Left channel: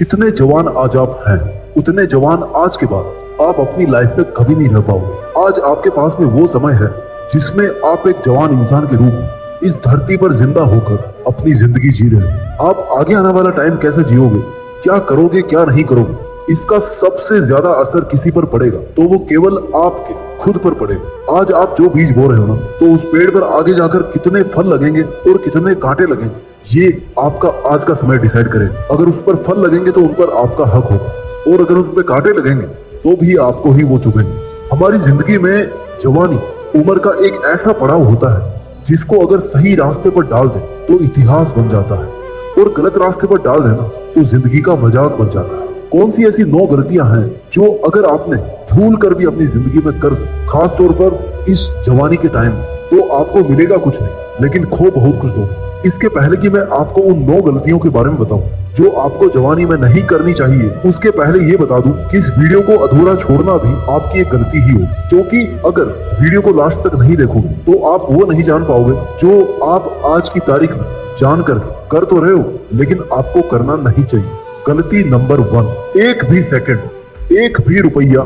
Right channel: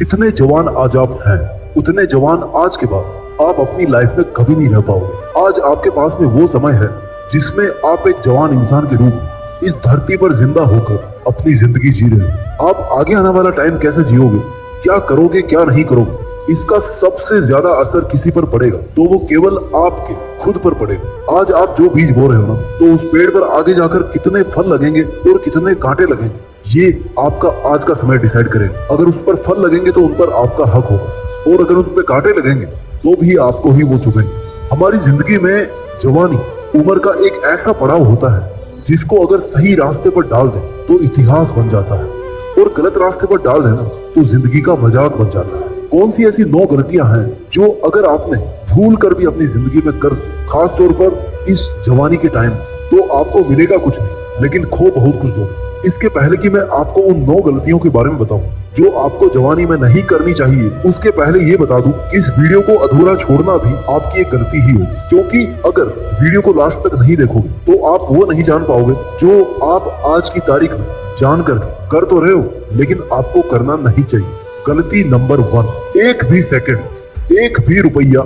जितने जवान आज आप हैं उतने जवान आज के बाद आप अपनी लाइफ में कभी नहीं रह पाओगे। आज आपके पास में वो समय है जिसमें आप एक जवान इंसान के रूप में इस धरती पर जिंदा होकर अपनी जिंदगी जी रहे हो। आप आगे आने वाला टाइम कैसे जियोगे, क्या करोगे क्या नहीं करोगे, इसका सबसे ज्यादा असर किसी पर पड़ेगा तो वो केवल आपके खुद पर पड़ेगा। आज आप जो बीज बो रहे हो ना, तो उस पेड़ पर आगे जाकर कितने फल लगेंगे और कितने कांटे लगेंगे, ये आपका आज का समय डिसाइड करेगा। अगर उस पर फल लगेंगे तो उन पर आपका हक होगा, और अगर उसमें कांटे लगेंगे तो भी आपको ही वो चुभेंगे। हमारी जिंदगी में जवानी उम्र का एक ऐसा पड़ाव होता है जिसको अगर सही रास्ते पर डाल दे तो इतिहास बन जाता है, और गलत रास्ते पर डाल देना तो जिंदगी का मजाक बन जाता है। कौन सी ऐसी 9 गलतियां हैं जो अगर आपने भूल कर भी अपनी जिंदगी में कर दी, खास तौर पर इस जवानी के टाइम, तो आपको मिलेगा कुछ नहीं लेकिन खो बहुत कुछ दोगे। इसके पहले कि मैं आपको उन 9 गलतियों के बारे में बताऊं जो आपको जवानी में नहीं करनी चाहिए, उसके पहले ये बता दूं कि इस वीडियो को अधूरा छोड़ना भी आपकी एक गलती ही हो, क्योंकि अगर वीडियो को लास्ट तक नहीं देखोगे तो आप वो नहीं जान पाओगे जो आप आज की तारीख में जान करके कर तो रहे हो लेकिन आपको करना नहीं चाहिए। गलती नंबर 1, एक भी सेकंड, एक भी रुपया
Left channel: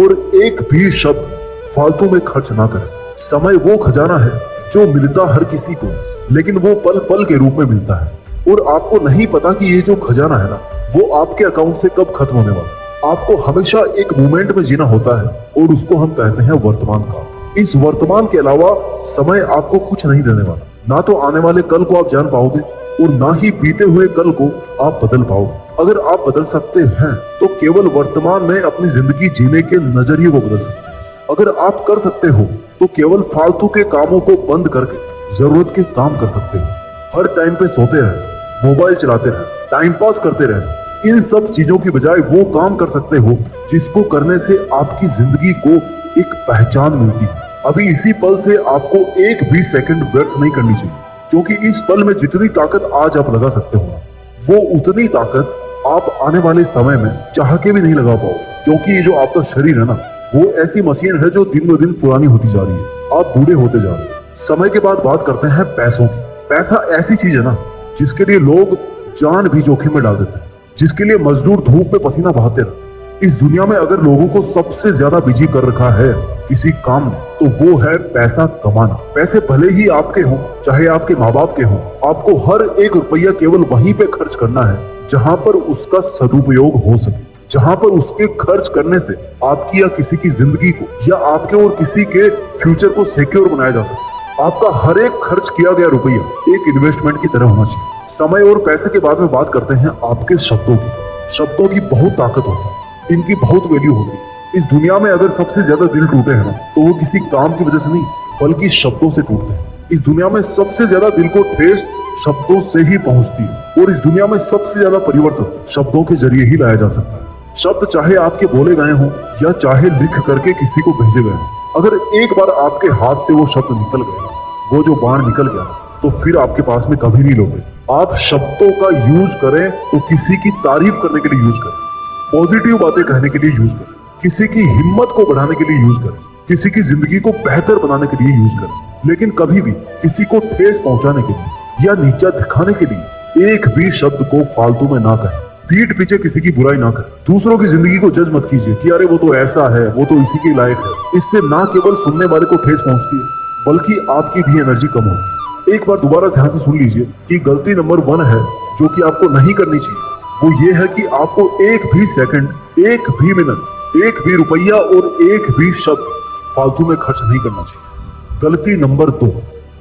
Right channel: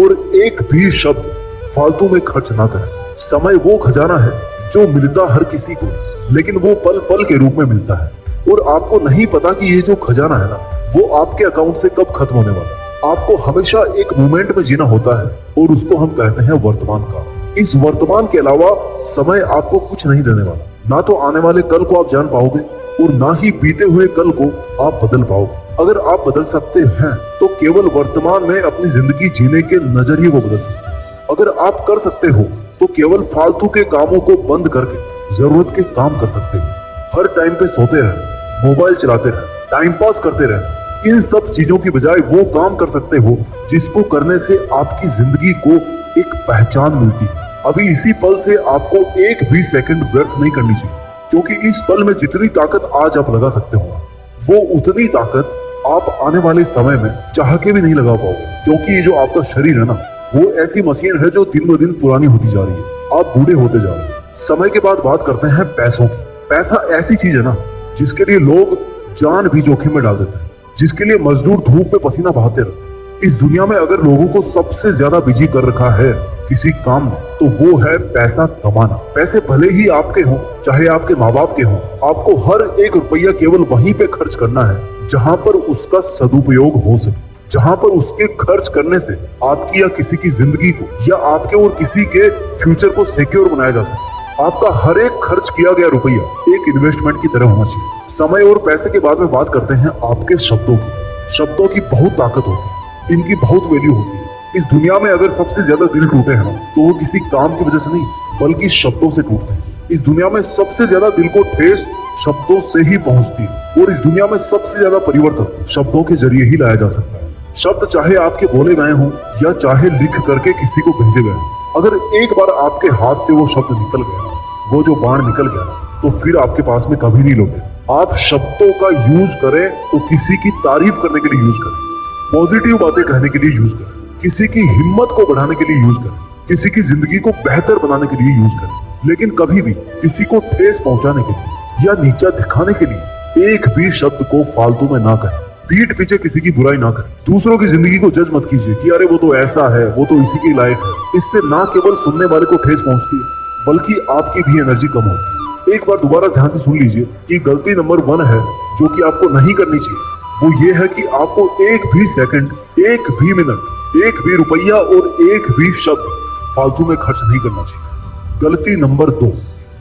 और एक भी शब्द फालतू में खर्च ना करें। समय वो खजाना है जो मिलता हर किसी को, लेकिन वो पल पल के रूप में मिलता है, और आपको नहीं पता कि ये जो खजाना है ना, वो आपके अकाउंट से कब खत्म होने वाला है। आपको हमेशा एक मोमेंट में जीना होता है, और उसको हम कहते हैं वर्तमान का। इस वर्तमान के अलावा समय आपको कुछ नहीं देने वाला। ना तो आने वाले कल को आप जान पाओगे और ना ही बीते हुए कल को आप बदल पाओगे। अगर आप बदल सकते हैं तो केवल वर्तमान में अपनी जिंदगी जीने के नजरिए को बदल सकते हैं। अगर आप कर सकते हो तो केवल फालतू के कामों को बंद करके जरूरत के काम कर सकते हो। हर टाइम पे सोते रहे, मोबाइल चलाते रहे, टाइम पास करते रहे, इन सब चीजों की बजाय वो काम कर सकते हो जिसको करने से आपकी जिंदगी को एक पहचान मिलती है। अभी इसी पल से आपको एक भी सेकंड व्यर्थ नहीं करनी चाहिए, क्योंकि इस पल में जितनी ताकत आज आप लगा सकते हो वो उतनी ताकत आप आने वाले समय में चाह के भी नहीं लगा पाओगे। क्योंकि ये जो आपका शरीर है ना, वो ऐसी मशीन है जो दिन ब दिन पुरानी होती जा रही है, आप बूढ़े होते जा रहे हैं। समय के बाद बात करते हैं पैसों की। पैसा ऐसी चीज है ना जिसके लिए लोग जान भी जोखिम में डाल देते हैं, जिसके लिए मजदूर धूप में पसीना बहाते रहते हैं। इस दुनिया में अगर लोगों को सबसे ज्यादा बिजी कर रखा है किसी काम में, तो वो है पैसा कमाना। पैसे भले ही आपके हो चाहे आपके माँ बाप के हो, आपको हर एक रुपया केवल वहीं पे खर्च करना है जहां पर उसका सदुपयोग हो सके, जहां पर उसके खर्च करने से आपकी या किसी की जिंदगी को या आपके और किसी के फ्यूचर को सिक्योर बनाया जा सके। आपका हर एक खर्च किया गया रुपया एक इन्वेस्टमेंट की तरह होना चाहिए। समय और पैसे के बाद में बात करते हैं आपके शब्दों की। शब्दों की बहुत ताकत होती है, इनकी बहुत वैल्यू होती है। इस दुनिया में अगर सबसे ज्यादा दिल टूटे हैं ना, तो वो किसी काम की वजह से नहीं बल्कि शब्दों से टूटते हैं। इस दुनिया में सबसे ज्यादा दिल को ठेस शब्दों से ही पहुंचती है, और इस दुनिया में सबसे ज्यादा परिवर्तन शब्दों के जरिए ही लाया जा सकता है। शब्द चाहे आपके बोले गए हो या चाहे लिख करके किसी को भेजे गए, अगर एक बार आपके हाथ से वो शब्द निकल गया, वो जो बाण निकल गया, तो फिर आपके पास में कभी नहीं लोगे। आप शब्दों का यूज करें तो किसी की तारीफ करने के लिए यूज करें, पॉजिटिव बातें कहने के लिए यूज करें, किसी की हिम्मत को बढ़ाने के लिए यूज करें, किसी की जिंदगी को बेहतर बनाने के लिए यूज करें, लेकिन कभी भी किसी को ठेस पहुंचाने के लिए या नीचा दिखाने के लिए एक भी शब्द को फालतू में ना करें। पीठ पीछे किसी की बुराई ना करें। दूसरों की जिंदगी को जज मत कीजिए कि अरे वो तो ऐसा है, वो तो इसी के लायक है। इससे ना केवल सुनने वाले को ठेस पहुंचती है बल्कि आपकी भी एनर्जी कम होती है। एक बार दोबारा ध्यान से सुन लीजिए कि गलती नंबर 1 है जो कि आपको नहीं करनी चाहिए, वो ये है कि आपको एक भी सेकंड, एक भी मिनट, एक भी रुपया और एक भी शब्द फालतू में खर्च नहीं करना चाहिए। गलती नंबर 2,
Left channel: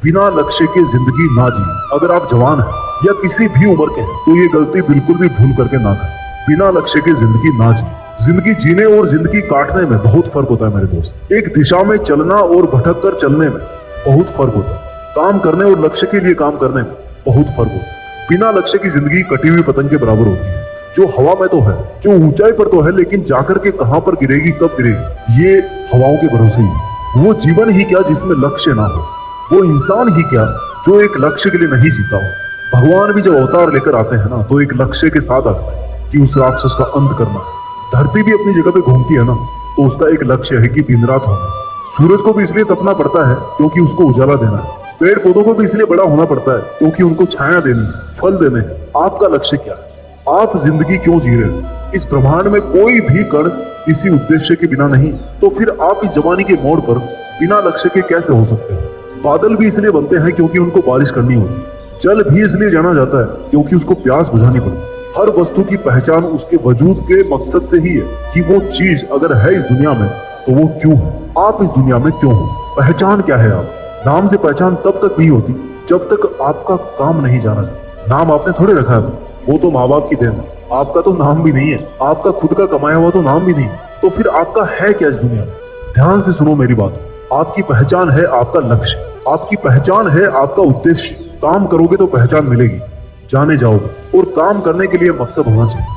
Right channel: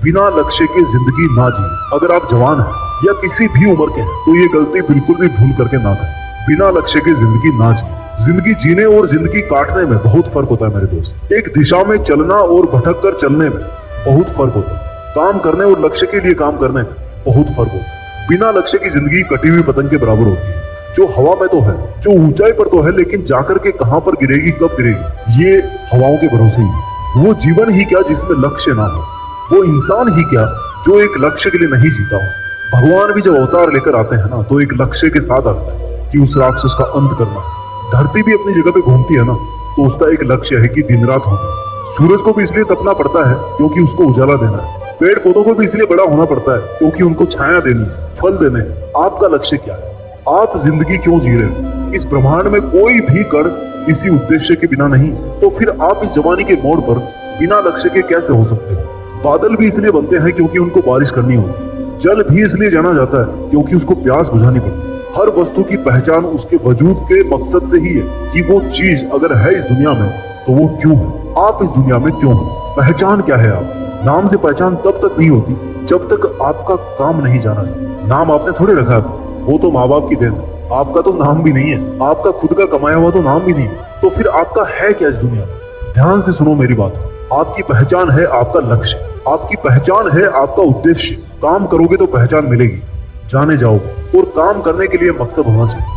बिना लक्ष्य की जिंदगी ना जिए। अगर आप जवान हैं या किसी भी उम्र के हैं तो ये गलती बिल्कुल भी भूल करके ना करें। बिना लक्ष्य की जिंदगी ना जिए। जिंदगी जीने और जिंदगी काटने में बहुत फर्क होता है मेरे दोस्त। एक दिशा में चलना और भटक कर चलने में बहुत फर्क होता है। काम करने और लक्ष्य के लिए काम करने में बहुत फर्क होता है। बिना लक्ष्य की जिंदगी कटी हुई पतंग के बराबर होती है, जो हवा में तो है, जो ऊंचाई पर तो है, लेकिन जाकर के कहां पर गिरेगी, कब गिरेगी, ये हवाओं के भरोसे ही। वो जीवन ही क्या जिसमें लक्ष्य ना हो, वो इंसान ही क्या जो एक लक्ष्य के लिए नहीं जीता हो। भगवान भी जब अवतार लेकर आते हैं ना, तो एक लक्ष्य के साथ आते हैं कि उस राक्षस का अंत करना है। धरती भी अपनी जगह पे घूमती है ना, तो उसका एक लक्ष्य है कि दिन रात होना। सूरज को भी इसलिए तपना पड़ता है क्योंकि उसको उजाला देना है। पेड़ पौधों को भी इसलिए बड़ा होना पड़ता है क्योंकि उनको छाया देनी है, फल देने हैं। आपका लक्ष्य क्या है? आप जिंदगी क्यों जी रहे हो? इस ब्रह्मांड में कोई भी कण किसी उद्देश्य के बिना नहीं, तो फिर आप इस जवानी के मोड़ पर बिना लक्ष्य के कैसे हो सकते हैं? बादल भी इसलिए बनते हैं क्योंकि उनको बारिश करनी होती है। जल भी इसलिए जाना जाता है क्योंकि उसको प्यास बुझानी पड़ती है। हर वस्तु की पहचान उसके वजूद के मकसद से ही है कि वो चीज अगर है इस दुनिया में तो वो क्यों है, आप इस दुनिया में क्यों हो। पहचान क्या है? आप नाम से पहचान तब तक नहीं होती जब तक आपका काम नहीं जाना है। नाम आपने थोड़े रखा है, वो तो माँ बाप की देन है। आपका तो नाम भी नहीं है, आपका खुद का कमाया हुआ तो नाम भी नहीं है, तो फिर आपका है क्या इस दुनिया में? ध्यान से सुनो मेरी बात। आपकी पहचान है आपका लक्ष्य, आपकी पहचान है आपका उद्देश्य। काम करोगे तो पहचान मिलेगी, जाने जाओगे, और काम करने के लिए मकसद होना चाहिए।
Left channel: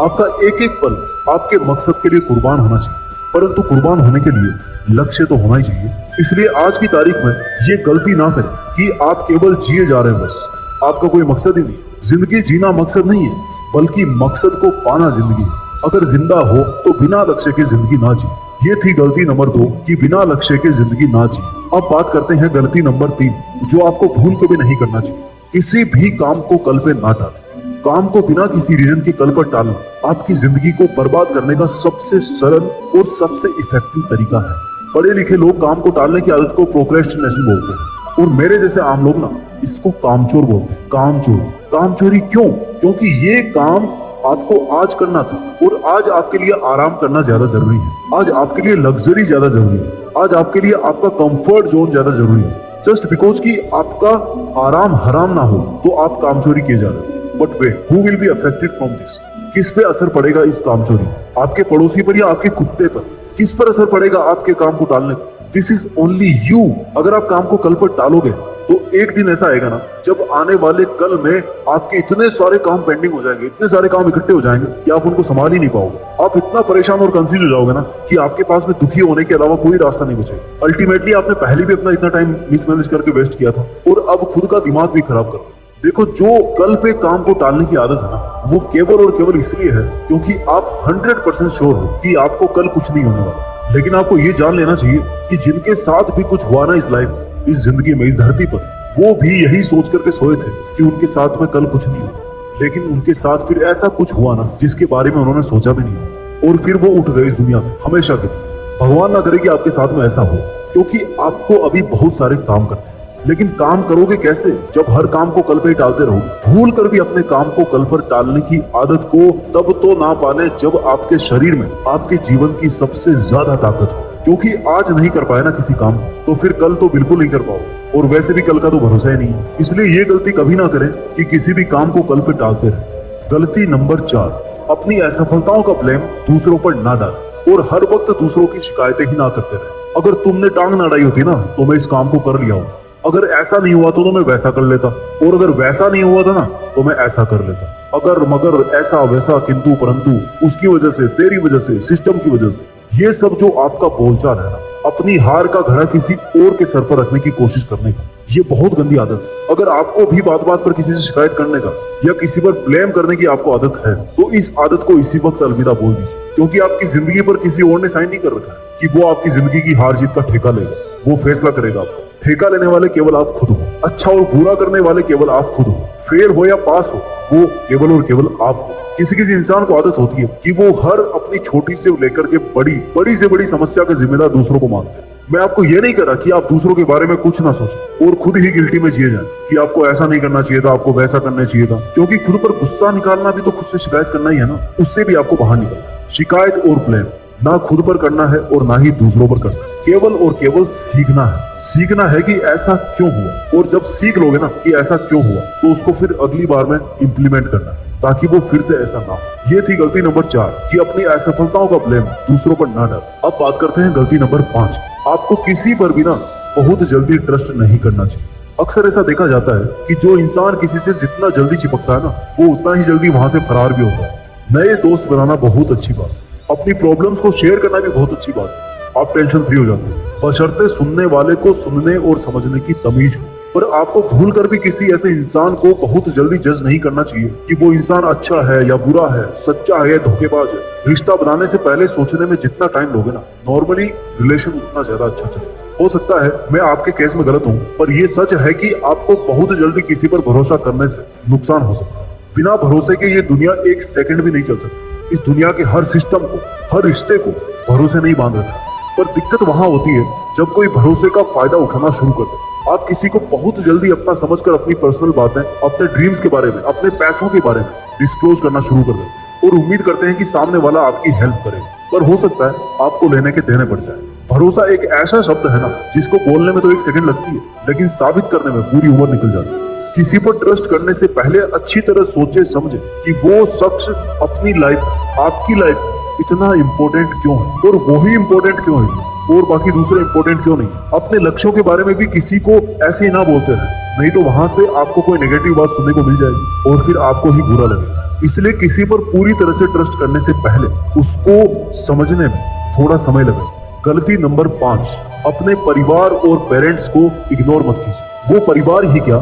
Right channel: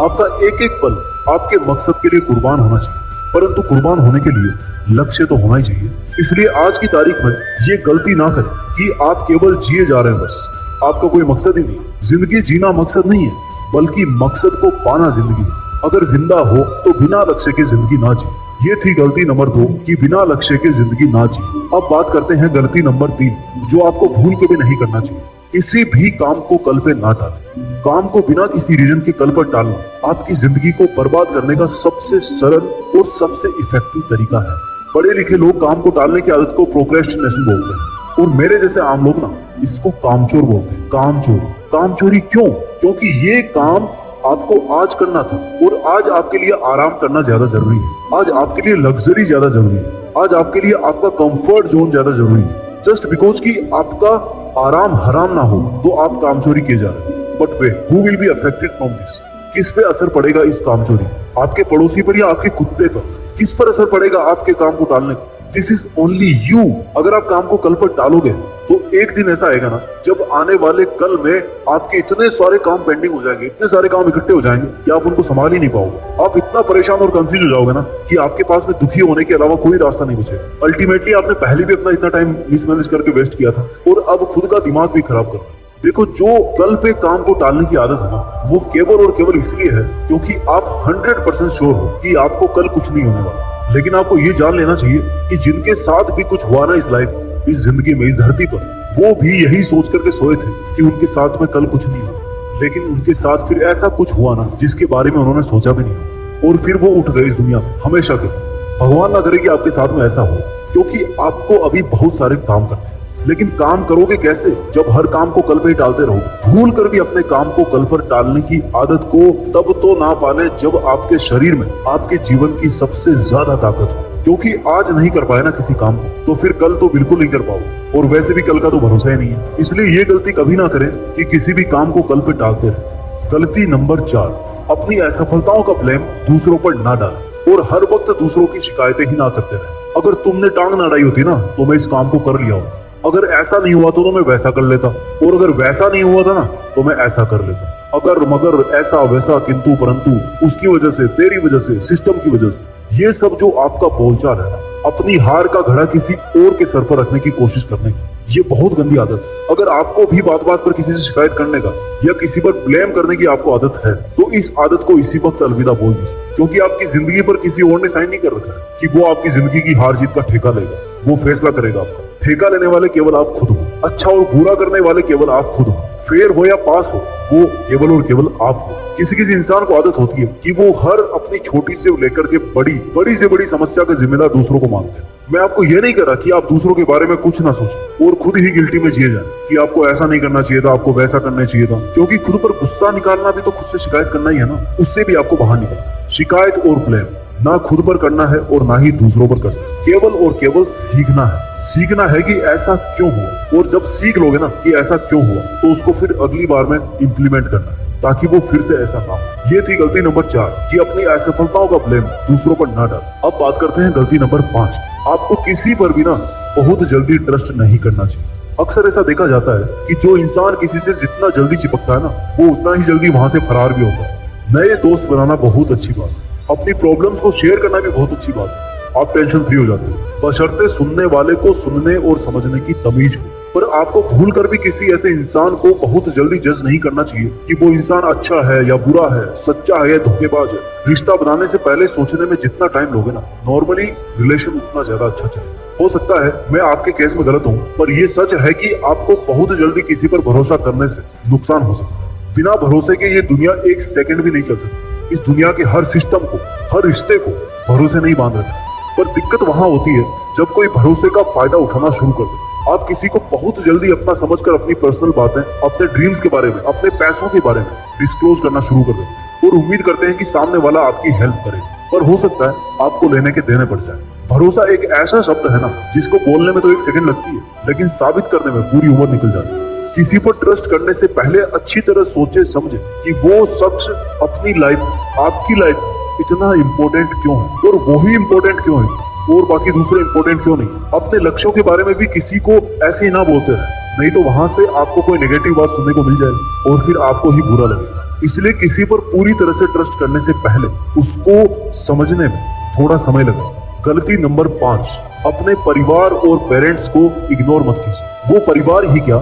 आपका एक एक पल आपके मकसद के लिए कुर्बान होना चाहिए, परंतु कुर्बान होने के लिए लक्ष्य तो होना ही चाहिए। इसलिए आज की तारीख में ये गलती ना करें कि आप केवल जिए जा रहे हैं, बस आपका कोई मकसद ही नहीं। जिंदगी जीना मकसद नहीं है, बल्कि मकसद को पाना जिंदगी है। अगर जिंदा हो तो बिना लक्ष्य की जिंदगी ना जी। ये थी गलती नंबर 2 कि बिना लक्ष्य की जिंदगी ना जी। अब बात करते हैं गलती नंबर 3, जो आपको भूल कभी नहीं करना चाहिए। किसी भी काम को कल पे ना टालें। काम को बिना किसी रीजन के कल पर टालना आपकी जिंदगी को बर्बाद करने का सबसे सरल और सबसे इफेक्टिव तरीका है। पढ़े लिखे लोग काम को टालने की आदत को प्रोक्रेस्टिनेशन बोलते हैं, और मेरे जैसे आम लोग ना इसको कामचोर बोलते हैं। कामचोर, कामचोरी क्यों? क्योंकि ये काम आपको आज करना था, और आज आपके लिए आराम करना ज्यादा जरूरी है। आज आपके लिए लग्जरी ज्यादा जरूरी है। आज आपके लिए आपका कंफर्ट जोन ज्यादा जरूरी है। जस्ट बिकॉज कि आपका आराम हराम ना हो तो आप कामचोरी किए जा रहे हो। But wait, who will be affected from this? किस पे असर पड़ेगा इस कामचोरी? आपके पड़ोसी पर या आपके कुत्ते पर? किस पर असर पड़ेगा आपके काम को टालने पर? This is only you. अगर आप काम को कल पर टालोगे तो एक दिन ऐसा आएगा ना जब आने वाले कल में आपके इतने सारे काम पेंडिंग हो जाएंगे, इतने सारे काम इकट्ठे हो जाएंगे कि आप उनको संभाल ही नहीं पाओगे। आप इतना परेशान और कंफ्यूज हो जाओगे ना कि आपके पास में दुखी होने के अलावा कोई रास्ता नहीं बचेगा। अल्टीमेटली आपने पहले भी अपना इतना टाइम मिसमैनेज करके वेस्ट किया था, और अब खुद का दिमाग भी खराब कर। देखो, जो कल पे काम को टालने की आदत है ना, वो केवल और केवल इसलिए है क्योंकि आप 100% श्योर हो कि आपको कल कुछ नहीं होने वाला। लेकिन आपको ये जान लेना चाहिए कि जिनके साथ भी कुछ हुआ ना इस लाइफ, इस जिंदगी में, इस धरती पर, वो भी यही सोच करके सोए थे कि उनके साथ में कल कुछ नहीं हो। लेकिन उनके साथ फिर ऐसा कुछ हुआ ना जिसके बारे में उन्होंने सोचा भी नहीं, और फिर वो उठ गए इस दुनिया से हमेशा के लिए। भगवान ना करे कि आपके साथ में ऐसा हो, क्योंकि आपको अभी बहुत सारे काम करने हैं। लेकिन काम करोगे कैसे जब हर काम को कल पे ही टालते रहो? भूल कर भी अपने काम को कल पर टालने की आदत को तब तो ना पाले जब आपके शरीर में आपके जीवन की सबसे ज्यादा ताकत हो। क्योंकि आज नहीं कर पाए ना किसी काम को, तो फिर कल तो बिल्कुल नहीं कर पाओ, और वैसे भी कल का तो भरोसा ही नहीं है। इसलिए ये गलती कभी ना करें कि किसी भी काम को कल पे टालते रहे। गलती नंबर 4, अपनी असफलताओं का ब्लेम दूसरों पर ना डालें, और हर वक्त दूसरों की शिकायतें ही ना करते रहे। अगर तुमने टांग ना अड़ाई होती ना तो मैं इस काम को कर लिया होता। अगर ऐसा नहीं हुआ तो मैं वैसा कर लेता, और अगर वैसा नहीं हुआ था ना तो मैं ऐसा कर लेता। अगर मगर ऐसा वैसा किंतु परंतु, उसकी वजह से, तेरी वजह से, सिस्टम की वजह से, ये सब जो आपका बोलचाल है ना, अपनी हार का घड़ा किसी और के सर पर रखने की कोशिश करने का, ये बहुत गंदी आदत है। अगर आपको भी बात बात पर किसी से शिकायत करने का या किसी पर ब्लेम करने की आपको आदत है, तो इस आदत को इसी वक्त अलविदा बोल दीजिए। क्योंकि आपकी जिंदगी पर किसी और ने साइन नहीं कर रखा है कि वो आपकी जिंदगी की हार जीत का ठेका लेगा। वो फैसला करेगा आपका। ठेका लेने वाले केवल आप खुद हो। अच्छा और बुरा करने वाले केवल आप खुद हो। फेल हो या पास हो, वो केवल और केवल आप हो। किसी किसी इंसान को आदत होती है कि वो हर अपनी छोटी से लेकर के बड़ी से बड़ी समस्या का जिम्मेदार दूसरों को मानते हैं। मैं आपको ये नहीं कह रहा कि आप दूसरों के बारे में कुछ ना सोचें और खुद ही गिल्टी में जिए जाएं कि आपको ऐसा नहीं करना चाहिए था, आपको वैसा करना चाहिए था। क्योंकि खुद पर गुस्सा निकालना भी तो खुद से शिकायत करना ही है ना, उससे भी आपको बाहर निकलना। शिकायत और ब्लेम ना खुद पर करना है और ना ही दूसरों पर करना है। केवल और केवल सीखना है। सीखना है कि ऐसा क्यों हुआ, और जब सीख लोगे ना कि ऐसा क्यों हुआ, तो उसको फिर अगली बार में इम्प्लीमेंट करना है ताकि वो फिर से ऐसा ना हो। ये थी गलती नंबर 4 कि अपनी असफलताओं का ब्लेम दूसरों पर ना डालें। अब बात करते हैं गलती नंबर 5। आपको किसी पर भी ना बहुत जल्दी ट्रस्ट नहीं करना चाहिए। अक्सर ऐसा देखा जाता है कि जो इंसान किसी से जितना जल्दी चिपकता है ना, वो उतना ही जल्दी वहां से फरार भी होता है। नए दोस्त बनाना बहुत अच्छी बात है। अपनी प्रॉब्लम्स को शेयर करना भी बहुत अच्छी बात है। आप टेंशन फ्री हो जाते हैं, बशर्ते सुनने वाले को सुनने और समझने की तमीज हो। पर आपको भूल कर भी किसी ऐसे इंसान को बहुत जल्दी जज नहीं करना चाहिए कि वो इंसान अच्छा है या बुरा है, सच्चा है या धोखेबाज है। रिश्ता बनाने से पहले सोचने में जितना टाइम लोगे ना, नॉर्मली रिलेशन उतना ज्यादा अच्छा चले। हो सकता है मैं आपके केस में गलत हूँ, पर ये सच है कि आपको बहुत जल्दी किसी पर भरोसा करने से नुकसान हो सकता है। बिना भरोसे के ये दुनिया एक सेकंड भी नहीं चल सकती। इस दुनिया के हर सिस्टम को, हर रिश्ते को भरोसे नहीं बांध रखा। पर दिक्कत वहां होती है जब कोई भरोसे का फायदा उठाना शुरू कर दे। आप किसी को बहुत जल्दी अपना समझकर अपनी पर्सनल बातें, अपने ड्रीम्स के बारे में, अपने पैसों के बारे में डिस्क्लोज करना शुरू कर दें और उम्मीद करते हैं कि सामने वाला आपकी हेल्प करे। पर हो सकता है आपको लेने के देने पड़ जाए। भरोसा एक ऐसा शब्द है ना जिसको बोलने में तो एक सेकंड लगती है, लेकिन साबित करने में पूरी उम्र निकल जाती है। किसी पर ट्रस्ट करने से पहले अच्छी तरह सोचे समझे कि वो शख्स अपनी लाइफ, आपकी लाइफ इतना इम्पोर्टेंट क्यों है और वो ही इम्पोर्टेंट क्यों है और बाकी दूसरे इम्पोर्टेंट क्यों नहीं। अपने लक्ष्यों के बारे में भी किसी को ऐसे ही ना बोलते हैं, नहीं तो वहां से आपको कोई नेगेटिव बात सुनने को मिल जाएगी और फिर आपको ही बुरा लगेगा। इसलिए किसी पर पूरी तरह से ट्रस्ट करने से पहले उसको समझने में थोड़ा समय लगे। गलती नंबर 5, अपने परिवार और पेरेंट्स को इग्नोर मत कीजिए। वो परिवार ही क्या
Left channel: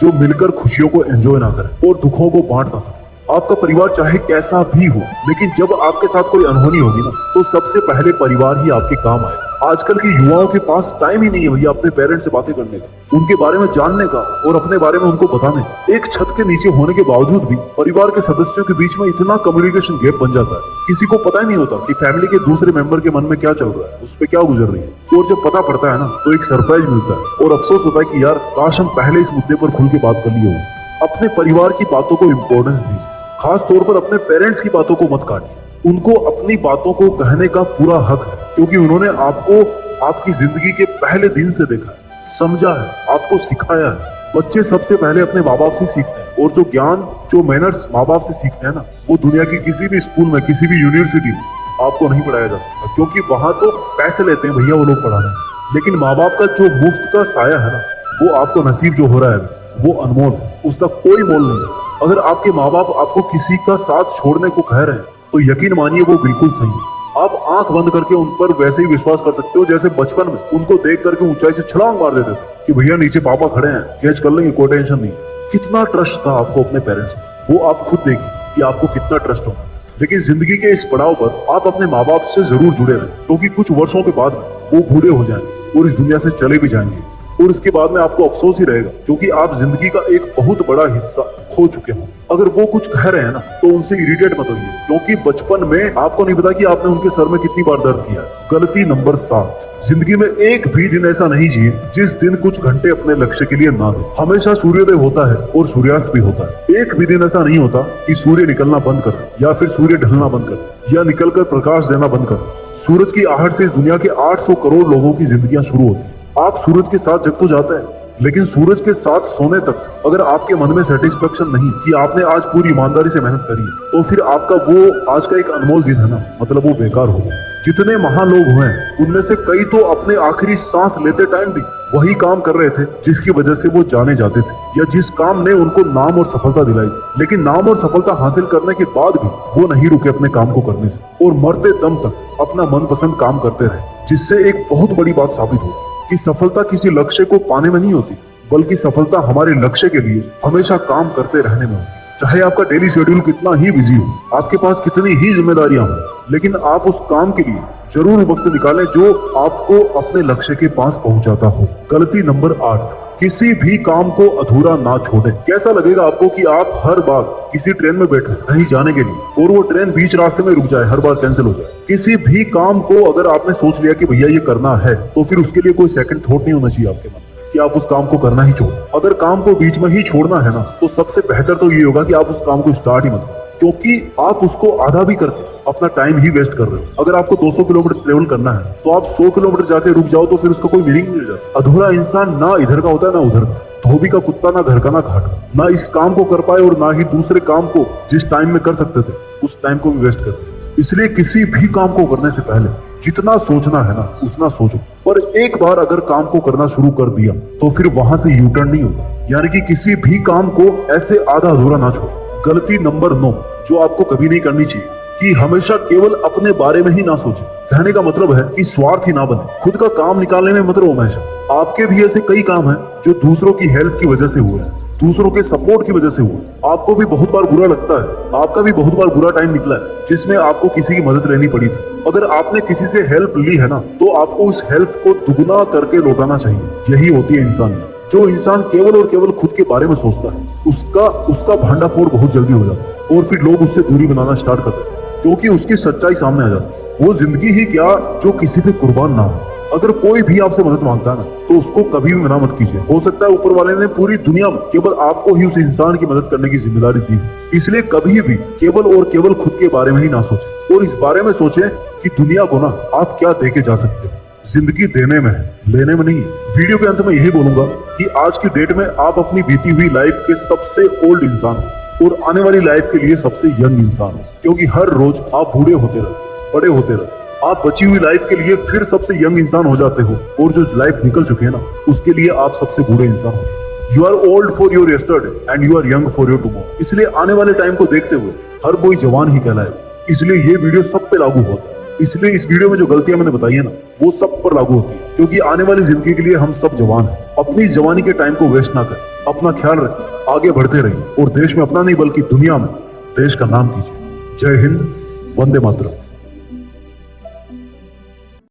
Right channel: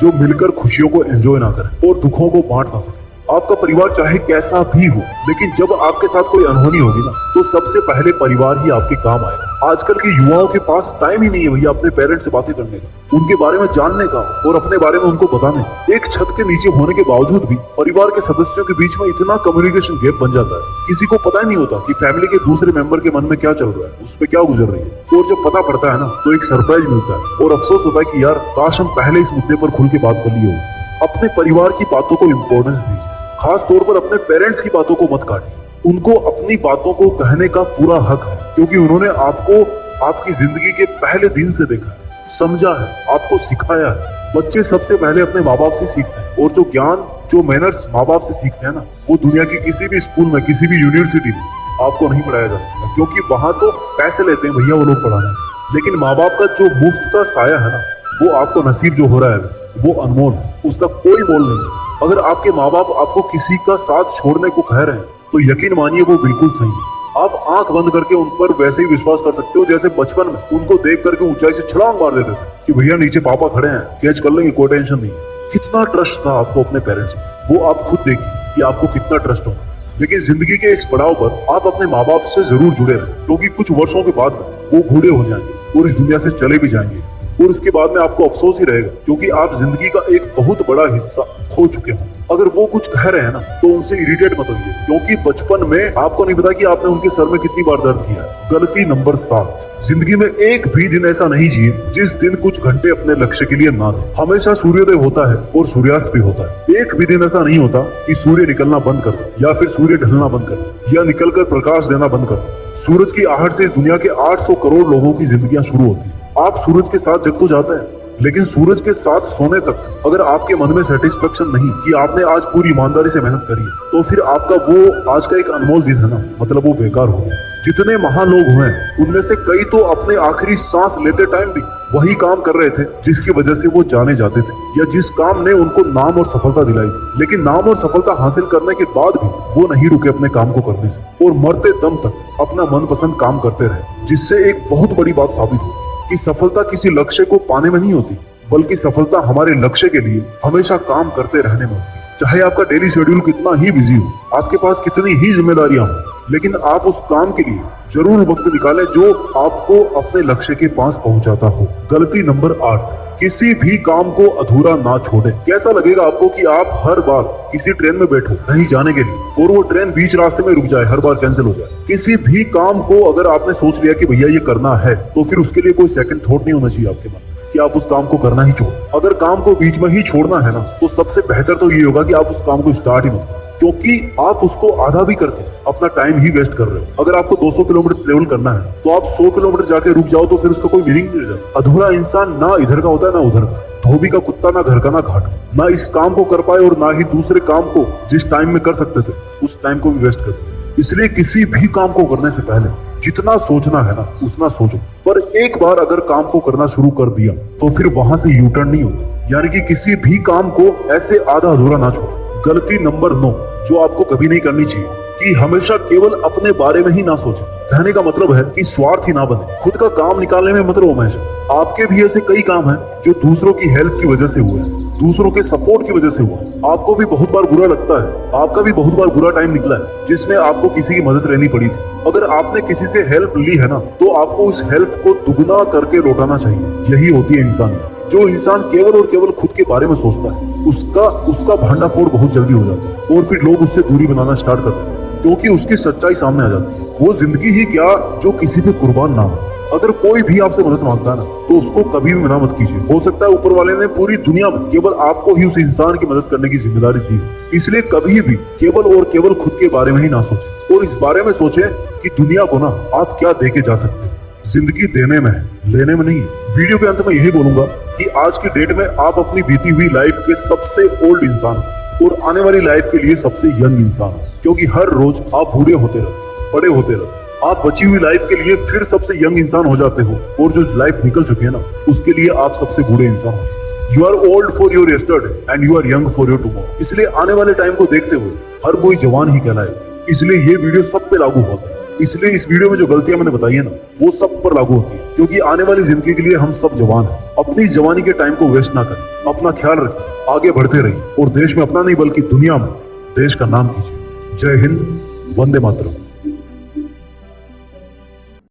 जो मिलकर खुशियों को एंजॉय ना करे और दुखों को बांट ना सके। आपका परिवार चाहे कैसा भी हो, लेकिन जब आपके साथ कोई अनहोनी होगी ना तो सबसे पहले परिवार ही आपके काम आएगा। आजकल के युवाओं के पास टाइम ही नहीं है भैया अपने पेरेंट्स से बातें करने का, उनके बारे में जानने का और अपने बारे में उनको बताने। एक छत के नीचे होने के बावजूद भी परिवार के सदस्यों के बीच में इतना कम्युनिकेशन गैप बन जाता है, किसी को पता ही नहीं होता कि फैमिली के दूसरे मेंबर के मन में क्या चल रहा है, उस पर क्या गुजर रही है। और जब पता पड़ता है ना तो एक सरप्राइज मिलता है और अफसोस होता है कि यार काश हम पहले इस मुद्दे पर खुल के बात कर लिए हो। अपने परिवार की बातों को इम्पोर्टेंस दीजिए, खास तौर पर अपने पेरेंट्स की बातों को मत काटिए। उनको अपनी बातों को कहने का पूरा हक है, क्योंकि उन्होंने आपको आपकी जिंदगी के पहले दिन से देखा है, समझा है, आपको सिखाया है। बच्चे सबसे पहले अपने माँ बाप से सीखते हैं और जो ज्ञान, जो मैनर्स माँ बाप से सीखते हैं ना, वो दुनिया की किसी भी स्कूल में, किसी भी यूनिवर्सिटी में आपको नहीं पढ़ाया जा सकता, क्योंकि वहां तो पैसे लेते हैं भैया वो लोग पढ़ाने। लेकिन माँ बाप का जो मुफ्त का साया है ना, वो आपको नसीब जो हो रहा है वो अनमोल है, उसका कोई मोल नहीं है। अगर आपके माँ बाप आपको किसी का साथ छोड़ने को कह रहे हैं तो यकीन मानिए वो बिल्कुल सही है। आप आंख बंद करके उन पर वैसे ही विश्वास कर सकते हो जैसे बचपन में उनको देख करके ऊंचाई से छलांग मार देते थे कि भैया नीचे पापा खड़े हैं, कैच कर लेंगे, कोई टेंशन नहीं। कितना ट्रस्ट था आपको अपने पेरेंट्स में, वो आप खुद देखिए कि आपको कितना ट्रस्ट होगा। लेकिन जिंदगी के इस पड़ाव पर आप अपने माँ बाप से जरूर जुड़े रहे, क्योंकि कुछ वर्षों के बाद वो बूढ़े हो जाएंगे और इस दुनिया से चले भी जाएंगे और इसके बाद में आपको अफसोस ही रहेगा, क्योंकि आप जिंदगी का एक बहुत बड़ा हिस्सा खो चुके हैं। अगर वो कुछ कह रहे हैं ना तो उनसे इरिटेट मत होइए, क्योंकि बचपन में आपको नहीं पता कि आपने उनके सर में कितनी बार दर्द किया है। गलती नंबर 7, जिंदगी में एक भी दिन ऐसा नहीं जिए जिस दिन कुछ घंटे अपने लक्ष्य के लिए ना दे। हमेशा सूर्योदय होता है और सूर्यास्त भी होता है। एक भी दिन ऐसा नहीं होता कि सूर्य निकलना बंद कर दे या फिर सूर्य ढलना बंद कर दे या निकलकर प्रकाश देना बंद कर दे। सूरज की आहट से इस दुनिया के 800 करोड़ लोगों की जिंदगियां शुरू होती है। आप सूरज के साथ जग तो जाते हैं, लेकिन सूरज के साथ सोने तक अगर आपके मन में सेटिस्फेक्शन नहीं कि आपने आज पूरी ईमानदारी से मेहनत करी, तो फिर आपका वो आज का एक अनमोल दिन है ना, मतलब वो बेकार हो गया। जितने महान लोग हुए उनमें से कई तो अपने आखिरी सांस लेते टाइम भी वही काम कर रहे थे जिसकी वजह से वो जाने जाते थे या जिस काम ने उनको नाम और सफलता दिलाई थी। लेकिन नाम और सफलता हासिल करने के बाद भी वो नहीं रुके अपने काम को करने से और मरते दम तक अपना मनपसंद काम करते रहे, जिससे एक बहुत बड़ी बात साबित हुई कि सफलता किसी लक्ष्य को पाने में नहीं होती, बल्कि सफलता हमारे लक्ष्य के लिए हमेशा काम करते रहने में होती। चाहे आपका डेली शेड्यूल कितना ही बिजी हो, आपके पास कितनी ही जिम्मेदारियां हो, लेकिन आप उस काम के लिए जरूर वक्त निकालें जो आपको अपने लक्ष्य के पास पहुंचाता हो। गलती नंबर 8, किसी भी काम को अधूरा ना छोड़ें। कैसा लगेगा आपको कि आप हर बार किसी ट्रेन में बैठो कहीं जाने के लिए और वो ट्रेन बीच रास्ते में रुक जाए, हर बार कैंसिल हो जाए। किसी भी काम को अगर आपने सोच लिया कि भैया ये करना है, तो फिर उसके लिए कोई सेकंड थॉट नहीं होना चाहिए आपके मन में कि आप उस काम को करना ही छोड़। अगर काम को बीच में ही छोड़ना है ना, तो सबसे बेहतर तो ये होगा कि आप उस काम को स्टार्ट ही मत करो, क्योंकि आप उसको आधा भी करके अपना टाइम ही वेस्ट कर रहे हो। अगर आपको 200 किलोमीटर ट्रेवल करना है तो आप 100 किलोमीटर जाके रुक जाओ तो फिर उसका कोई मीनिंग नहीं रह जाता। अधूरा इंसान ना इधर का होता है ना उधर का, धोबी का कुत्ता ना घर का ना घाट का, ना इस काम को कर पाए और ना ही दूसरे काम को जिस टाइम में कर सकते थे उस टाइम को भी वेस्ट कर दिया। इसलिए किसी भी काम को करने से पहले जितना सोचना है ना उतना सोचो, पर एक बार अगर काम को करना शुरू कर दिया तो फिर वहां से यू टर्न नहीं होता, यानी कि किसी भी काम को ऐसे आधा अधूरा ना छोड़ो। गलती नंबर 9 जो आपको कभी नहीं करनी चाहिए कि हमेशा केवल अपने बारे में ही ना सोचे। कहने का मतलब है कि स्वार्थी ना बने, खुद का काम निकालने में मत रहो हमेशा। आपके भी ऐसे कई काम हैं जो दूसरों की हेल्प की वजह से हुए हैं, दूसरों के सपोर्ट की वजह से हुआ। आपको भी बहुत बार बुरा लगता है, आपका भी बहुत बार बुरा टाइम निकला है जिसमें आपको किसी की मदद लेनी पड़ी थी। अगर आपने किसी से हेल्प ली है ना, तो आपको उस हेल्प को दुगना करके लौटाना चाहिए। यही होती है इंसान। जो इंसान केवल और केवल खुद के बारे में सोचता है उसका उसका भांडाफोड़ बहुत जल्दी हो जाता है और फिर लोग उससे दूरी बनाना स्टार्ट करते हैं क्योंकि उसकी सच्चाई सामने आ जाती है। वो जिंदगी ही क्या जो किसी पे कुर्बान ना हो। अगर कोई भी आपसे मदद मांगता है ना तो उसको कभी भी मना मत कीजिए। हो सकता है ऊपर वाले ने पूरी दुनिया में केवल आपको ही उस इंसान की मदद करने की जिम्मेदारी दी हो। इसलिए कभी भी केवल और केवल खुद के बारे में ही ना सोचें और इस बारे में सोचें कि दुनिया को ना आप क्या दे के जा सकते हैं। जिंदगी देने में है, लेने में नहीं। वीडियो के अंत में यही बोलूंगा कि आज की डेट में आप अपनी बीती हुई लाइफ के सबसे ओल्ड इंसान हो और आने वाली लाइफ के लिए सबसे यंग इंसान हो, क्योंकि हर रोज आप बूढ़े होते रहे, बड़े होते रहे। आप बची हुई लाइफ के लिए फिर सबसे यंग इंसान हो जाते हो और जो लाइफ निकल चुके हैं ना उसके लिए आप सबसे बूढ़े इंसान हो। You are old for your yesterday and you are young for your tomorrow. इसलिए आने वाले टाइम को देखते हुए हर कोई जवान ही कहलाए। इसलिए ये वीडियो सब पे लागू होता है। इसलिए इस वीडियो में जो गलतियां मैंने बताई है ना वो सब पर लागू होती है, क्योंकि आने वाली जिंदगी के लिए हम सब जवान हैं। अपनी इस जवानी के टाइम को वेस्ट ना करें, अपना ख्याल रखें, आगे बढ़ते रहिए और देश में अपना नहीं बल्कि दुनिया में देश का नाम कीजिए। जय हिंद, वंदे मातरम।